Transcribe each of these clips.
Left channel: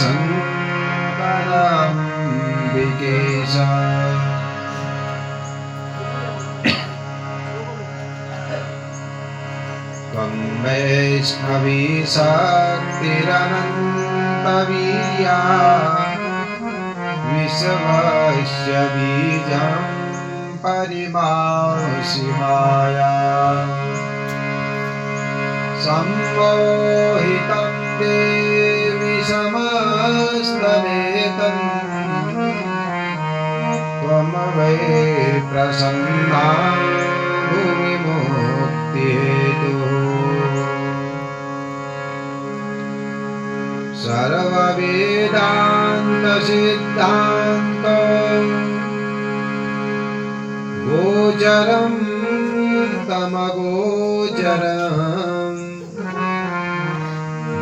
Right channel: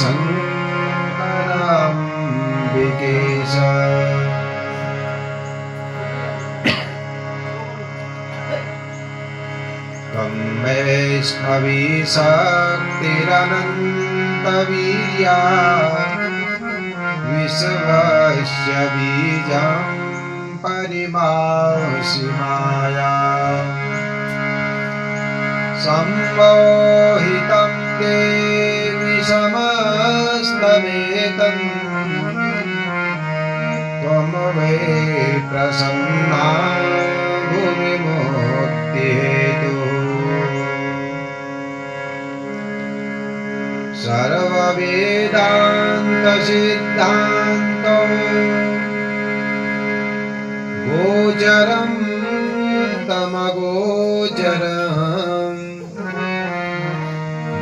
शङ्करम्बिकेश त्वं वैष्णवी शक्तिरनन्तवीर्या विश्वस्य बीजं परिमासि माया सम्मोहितं देवि समस्तवेदं त्वं वै प्रसन्ना भुविमुक्तिहेतुः सर्ववेदान्तसिद्धान्तो गोचरं तमगोचरम्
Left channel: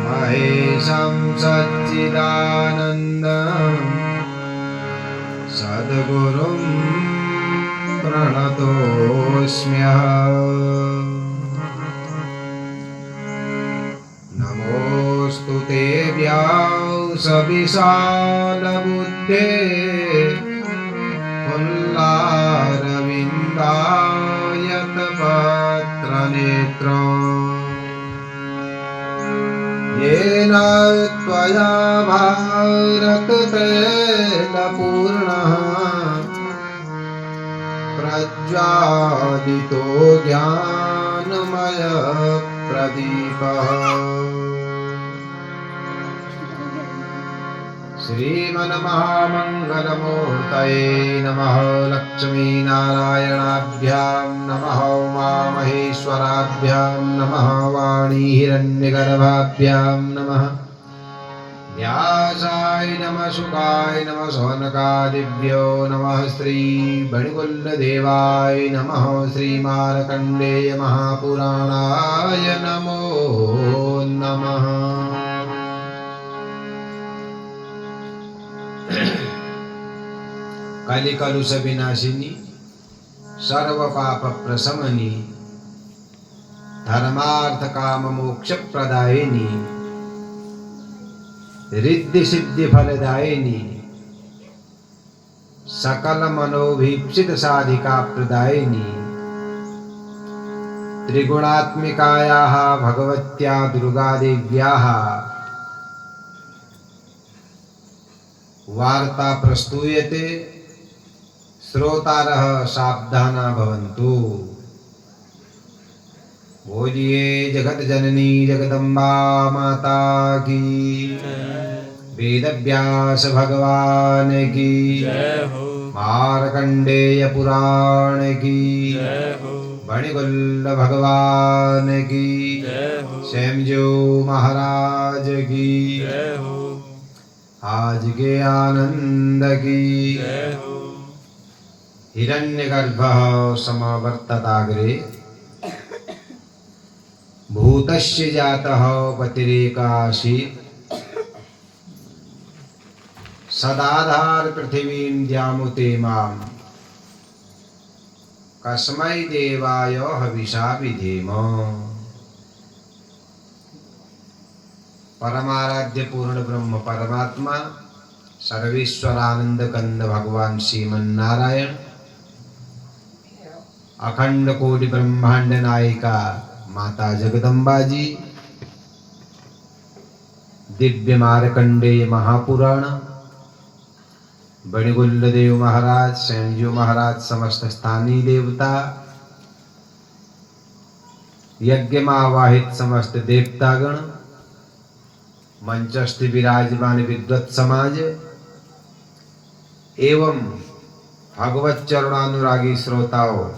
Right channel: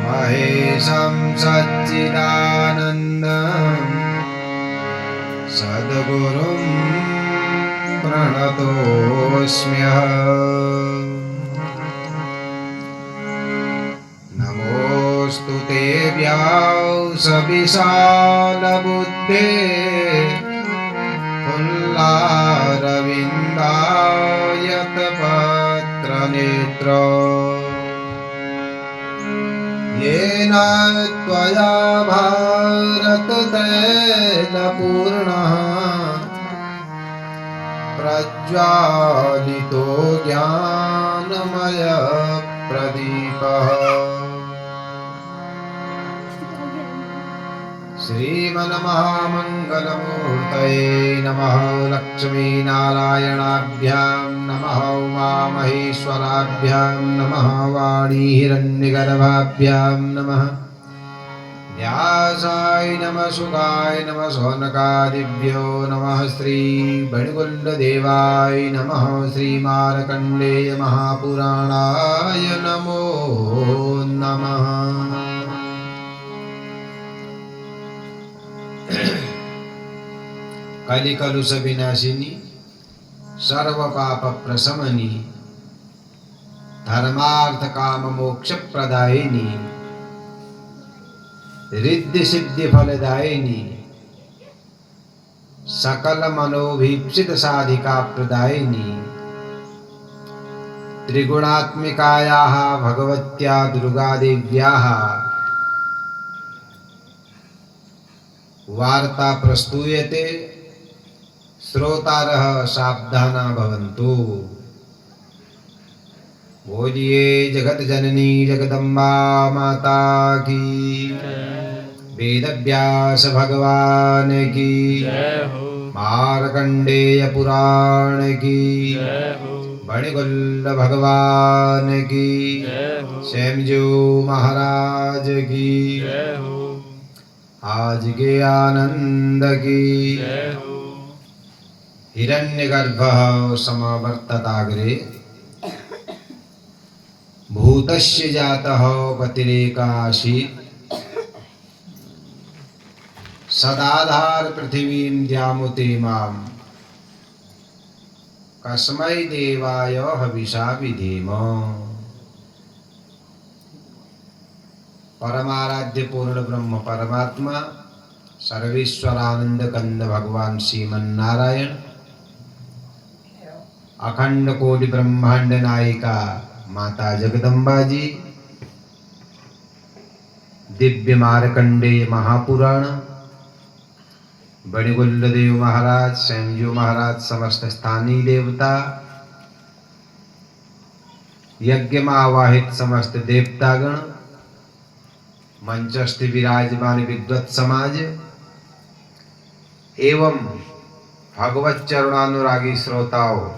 महेशं सच्चिदानन्दं सद्गुरुं प्रणतोऽस्म्यहम् नमोऽस्तु ते व्यासविशालबुद्धे पुल्लारविन्दायतपत्रनेत्र येन त्वया भारततैलपूर्णः प्रज्वालितो ज्ञानमयप्रदीपः श्रीमन्महामङ्गलमूर्तये नमः। लक्ष्मीनारायणाभ्यां नमः। उमामहेश्वराभ्यां नमः। वाणीहिरण्यगर्भाभ्यां नमः। व्यासाय नमः। शुकाय नमः। शौनकादिभ्यो नमः। श्रीमणिकुण्डदेवाय नमः। श्रीमार्कण्डेय महापुराणाय नमो नमः। कलिकलुष विनाशिनी सर्व पाप प्रशमनी धर्मार्थ काम मोक्ष प्रदायिनी रिद्धि सिद्धि फलदायिनी सकल मनोभीप्सित साधिका प्रदायिनी त्रिगुणात्मिकायाः भगवत्या दुर्गादेव्याः वार्ता प्रस्तूयते। श्रोतारः सावधाना भवन्तु। बोलिए जगत जननी जगदम्बा माता की, वेदव्यास भगवान की, मार्कंडेय पुराण की, मणिकुल्ल भगवान की, स्वयंजो महाराज की, आज के आनंद की। हिरण्यगर्भः समवर्तताग्रे भूतस्य जातः पतिरेकाशीत् सदाधार पृथिवीं द्यामुते मां कस्मै देवाय हविषा विधेम। परमाराध्य पूर्ण ब्रह्म परमात्मा सर्वेश्वरानंद कंद भगवान श्रीमन्नारायण अखंड कोटि ब्रह्मांड नायिका माता जगदम्बा जी, दिव्य मार्कंडेय महापुराण, बणिकुल्लदेव महाराज, स्वयंजू महाराज, समस्त स्थानीय देवता, यज्ञ में आवाहित समस्त देवतागण, मंचस्थ विराजमान विद्वत समाज एवं भगवत चरणानुरागी श्रोताओं,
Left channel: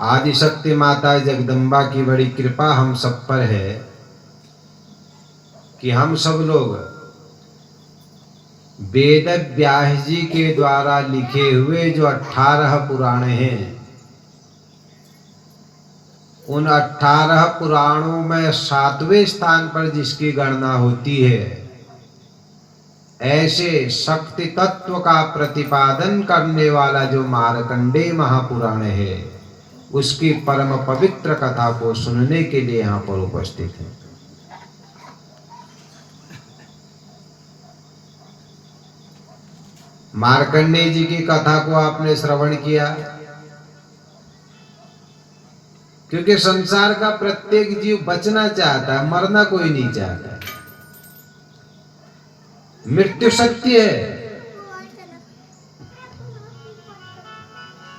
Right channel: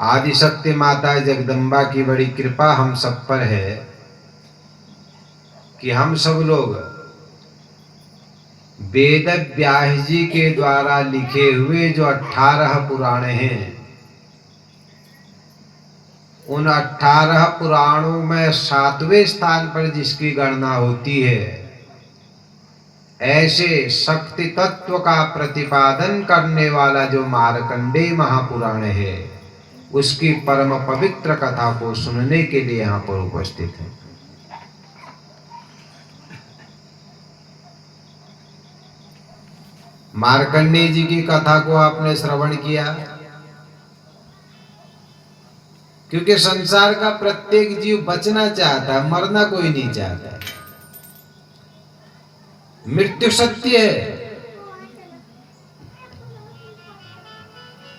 आदिशक्ति माता जगदम्बा की बड़ी कृपा हम सब पर है कि हम सब लोग वेद व्यास जी के द्वारा लिखे हुए जो 18 पुराण हैं, उन 18 पुराणों में 7वें स्थान पर जिसकी गणना होती है, ऐसे शक्ति तत्व का प्रतिपादन करने वाला जो मार्कंडेय महापुराण है, उसकी परम पवित्र कथा को सुनने के लिए यहाँ पर उपस्थित हैं। मार्कंडेय जी की कथा को आपने श्रवण किया, क्योंकि संसार का प्रत्येक जीव बचना चाहता है, मरना कोई नहीं चाहता है। मृत्यु सत्य है,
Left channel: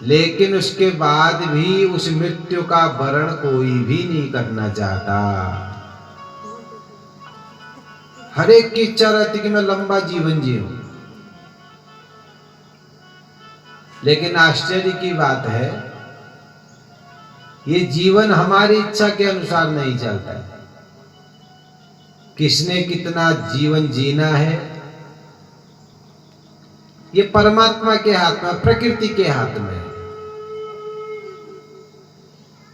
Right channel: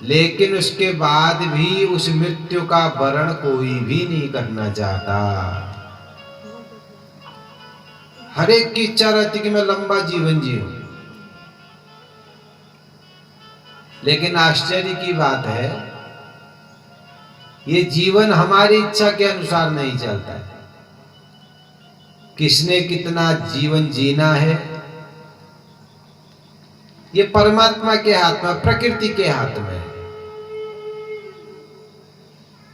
लेकिन उसके बाद भी उस मृत्यु का वरण कोई भी नहीं करना चाहता। हर एक की इच्छा रहती कि मैं लंबा जीवन जीऊं, लेकिन आश्चर्य की बात है, ये जीवन हमारी इच्छा के अनुसार नहीं चलता है। किसने कितना जीवन जीना है, ये परमात्मा के हाथ में, प्रकृति के हाथ में है।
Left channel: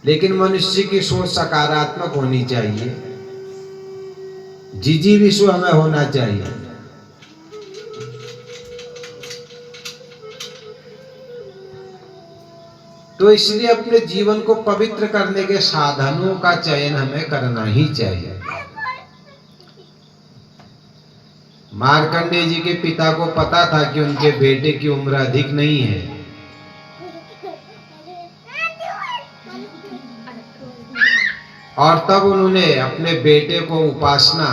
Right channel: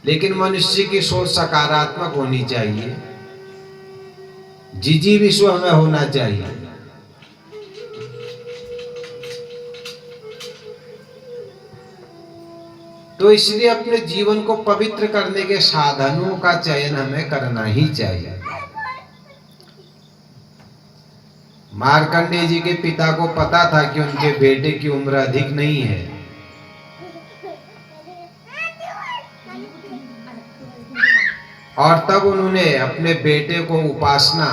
लेकिन मनुष्य की सोच सकारात्मक होनी चाहिए, जिजी विश्व में होना चाहिए। तो इसलिए अपने जीवन को पवित्र करने के साधनों का चयन हमें करना ही चाहिए। मार्कंडेय जी के पिता को पता था कि उनके बेटे की उम्र अधिक नहीं है, और तब उन्होंने अपने बेटे को उपासना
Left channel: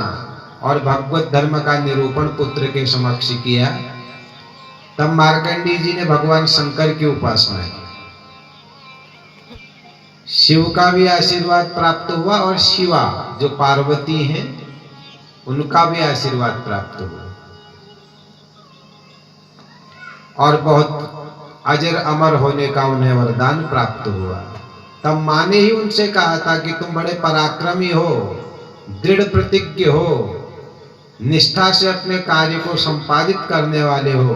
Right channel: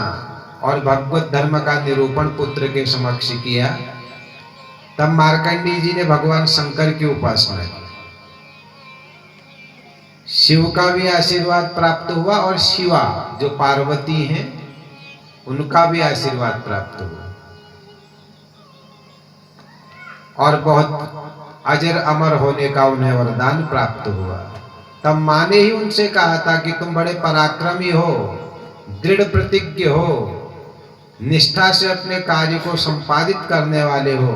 और भगवत धर्म का निरूपण पुत्र के समक्ष किया। तब मार्कंडेय जी ने भगवान शंकर की उपासना की। शिव का भी आशीर्वाद प्राप्त हुआ और शिवा जो पार्वती हैं उनका भी आशीर्वाद प्राप्त हुआ, और बहुत अजर अमर होने का उन्हें वरदान प्राप्त हुआ। तब माँ ने ही उनसे कहा था कि तुम बड़े पराक्रमी हो, दृढ़ प्रतिज्ञ हो, निष्ठा से अपने कार्य को संपादित करने वाले हो,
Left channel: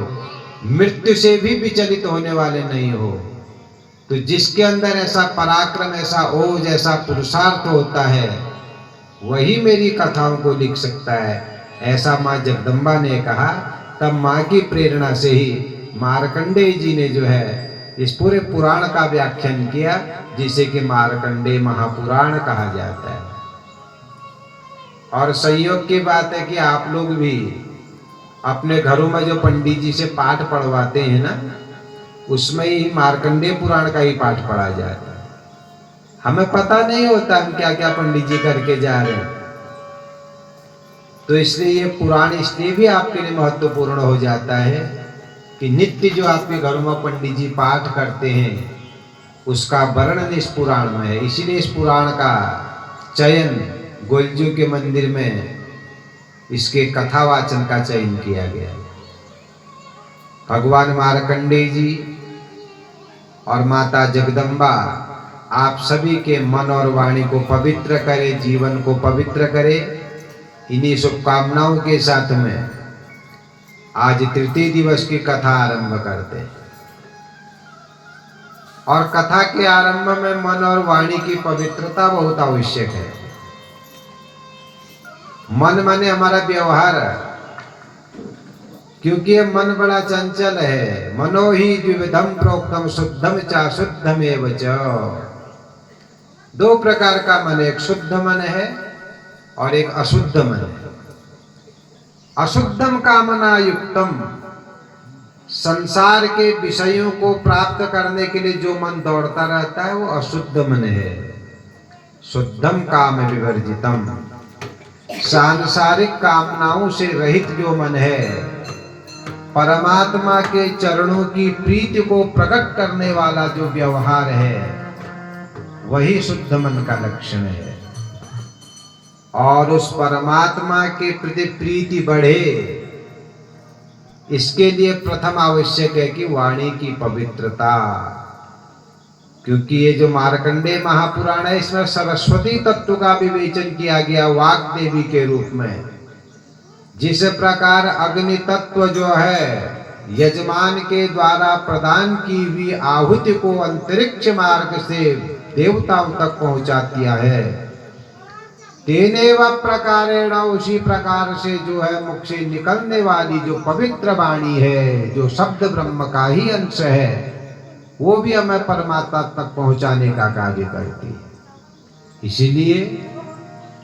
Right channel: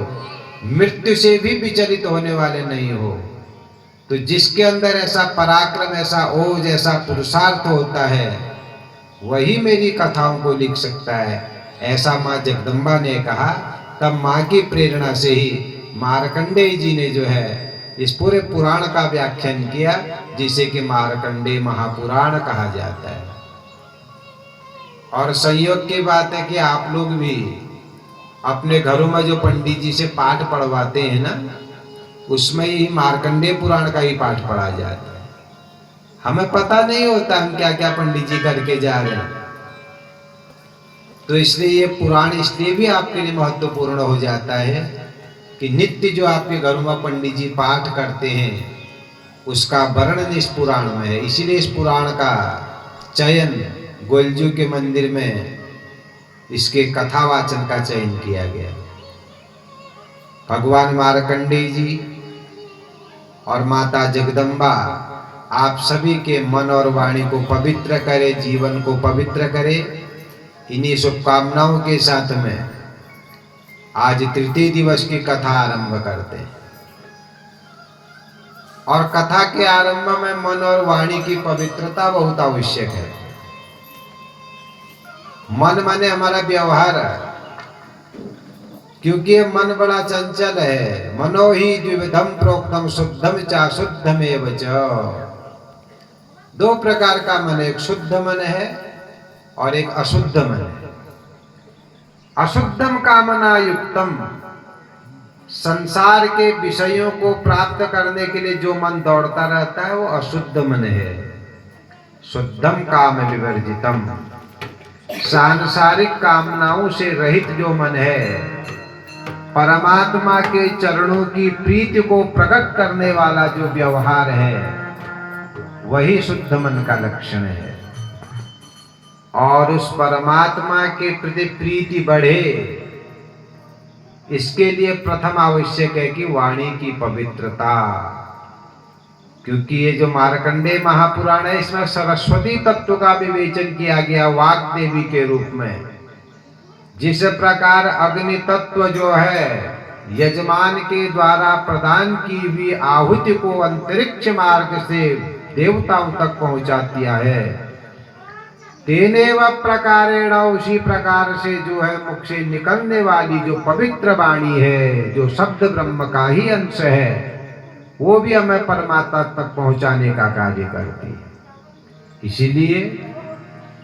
मृत्यु से भी विचलित होने वाले नहीं हो। तो जिसके अंदर ऐसा पराक्रम, ऐसा ओज, ऐसा पुरुषार्थ होता है, वही मेरी कथाओं को लिख सकता है, ऐसा माँ जगदम्बा ने कहा। तब माँ की प्रेरणा से ही मार्कंडेय जी ने जो है इस पूरे पुराण का व्याख्यान किया, जिसे कि मार्कंडेय महापुराण कहा जाता है। और संयोग की बात है कि आप लोग भी अपने घरों में जो पंडित जी से पाठ पढ़वाते हैं ना, उसमें ही मार्कंडेय पुराण का ही पाठ पढ़ा जाता है। हमें पता नहीं होता हम क्या क्या पंडित जी करके जा रहे हैं। तो इसलिए ये पुराण इसलिए भी आपके लिए महत्वपूर्ण हो जाता है कि नित्य जो आपके घरों में पंडित जी पाठ करते हैं, उसका वर्णन इस पुराण में है। इसीलिए इस पुराण का चयन गोलजू के मंदिर में इसके कथावाचन का चयन किया गया। भगवान मार्कंडेय जी और माता जगदम्बा आप सभी के मन और वाणी को पवित्र करे, जीवन को पवित्र करे। इन्हीं शुभकामनाओं के साथ में आज तृतीय दिवस की कथा आरंभ करते हैं। और कथा के आरंभ में मन और वाणी की पवित्रता बहुत आवश्यक है। मन माने हमारा व्यवहार, क्योंकि ये मन बड़ा चंचल है। मनो ही द्विविधम प्रोक्तम शुद्धम च शुद्धमेव च। दो प्रकार का मन है, एक शुद्ध मन है और एक अशुद्ध मन है। अशुद्धम कामना युक्तम, संसार के विषयों को प्राप्त करने के लिए जो मन दौड़ता रहता है वो अशुद्ध मन है। शुद्धम काम विवर्जितम, सांसारिक कामनाओं से रहित जो मन है, परमात्मा के चरणों की प्रीति को प्रकट करने वाला जो व्यवहार है, वही शुद्ध मन का लक्षण है। और उस परमात्मा के प्रति प्रीति बढ़े, इसके लिए प्रथम आवश्यक है कि वाणी की पवित्रता। क्योंकि ये जो मार्कंडेय महापुराण है, इसमें सरस्वती तत्व का विवेचन किया गया वाक देवी के रूप में। जिस प्रकार अग्नि तत्व जो है यजमान के द्वारा प्रदान की हुई आहुति को अंतरिक्ष मार्ग से देवताओं तक पहुंचाती है, तेनेव प्रकारेण, उसी प्रकार से जो है मुख से निकलने वाली जो पवित्र वाणी है, जो शब्द ब्रह्म का ही अंश है, वो भी हमें परमात्मा तक पहुंचाने का कार्य करती है। इसीलिए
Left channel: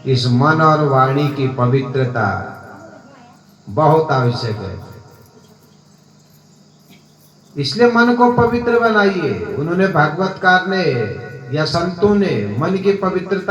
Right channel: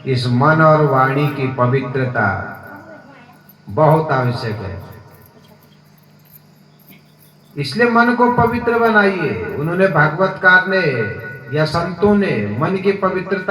इस मन और वाणी की पवित्रता बहुत आवश्यक है। इसलिए मन को पवित्र बनाइए। उन्होंने भागवतकार ने या संतों ने मन की पवित्रता